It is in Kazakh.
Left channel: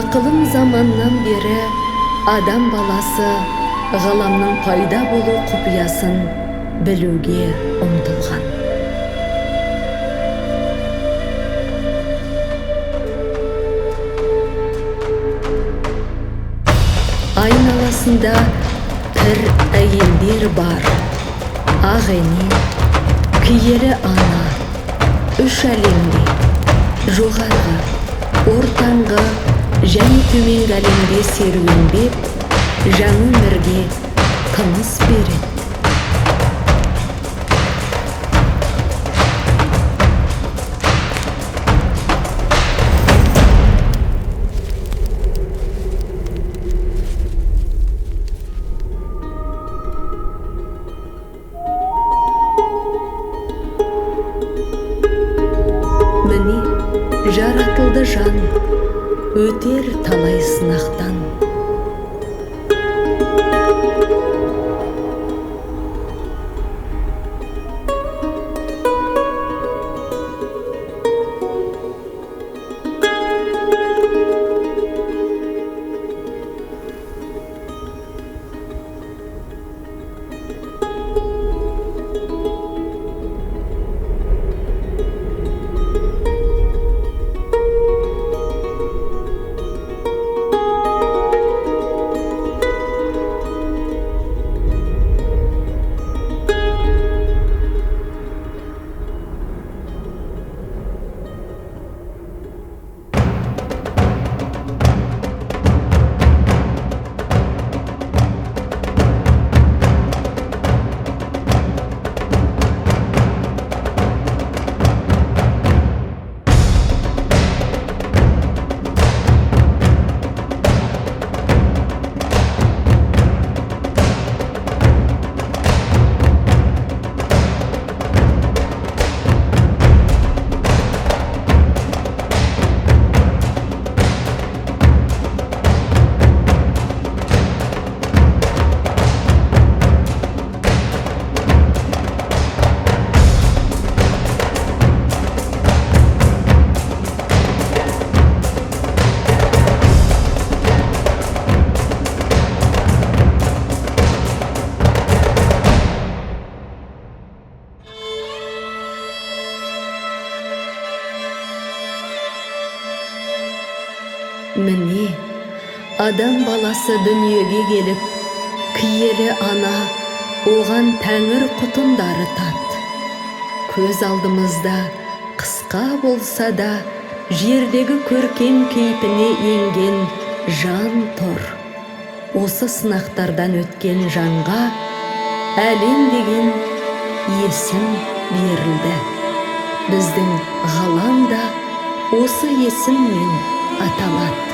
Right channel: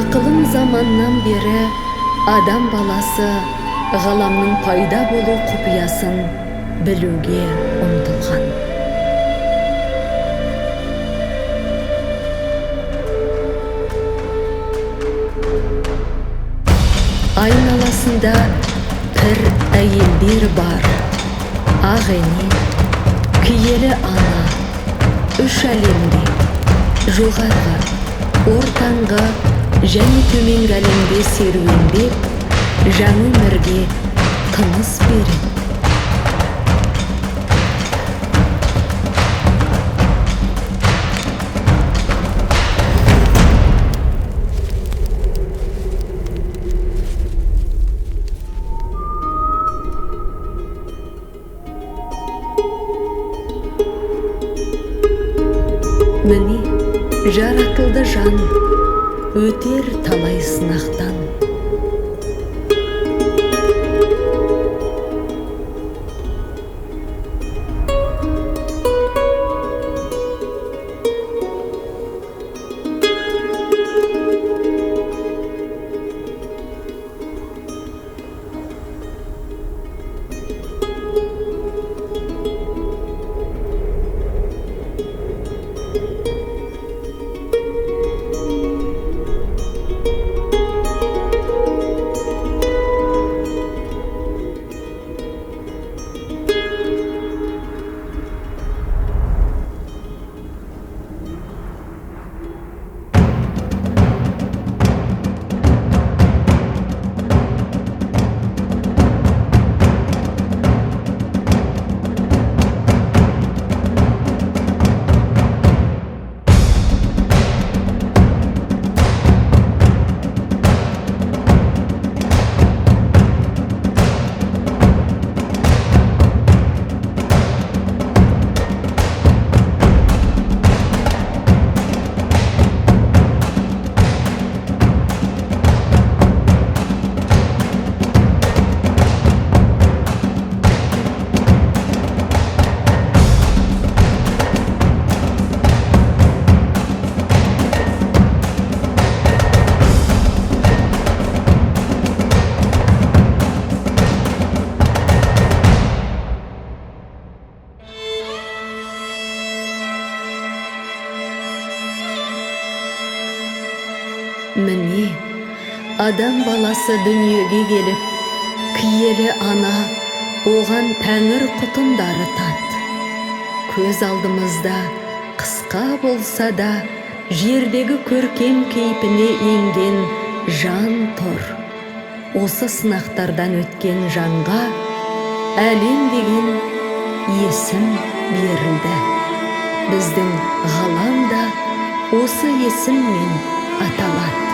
Ақылым заманнан бері адам баласы ғаламның пайда болу құпиясын білуге ұмтылған. Айналасында пір әйелдер бар, ағене, киелі ана, үш әлемде, жоғарғы, ортаңғы және төменгі әлемде серуендеп, жаңа өмірге тыныс береді. Міне, жаратылды жан, өтер талай сынақтан. Міне, адам баласы дүниеге келіп, киелі ана оған тәңір құтындары тат. Көз алдымызда қысқа болса да жердегі көркем кейпіне енген жан тұр. Осы сынақтардан өткен жанға әлем деген есім берілді. Біздің ғалам да осы есіммен аталады.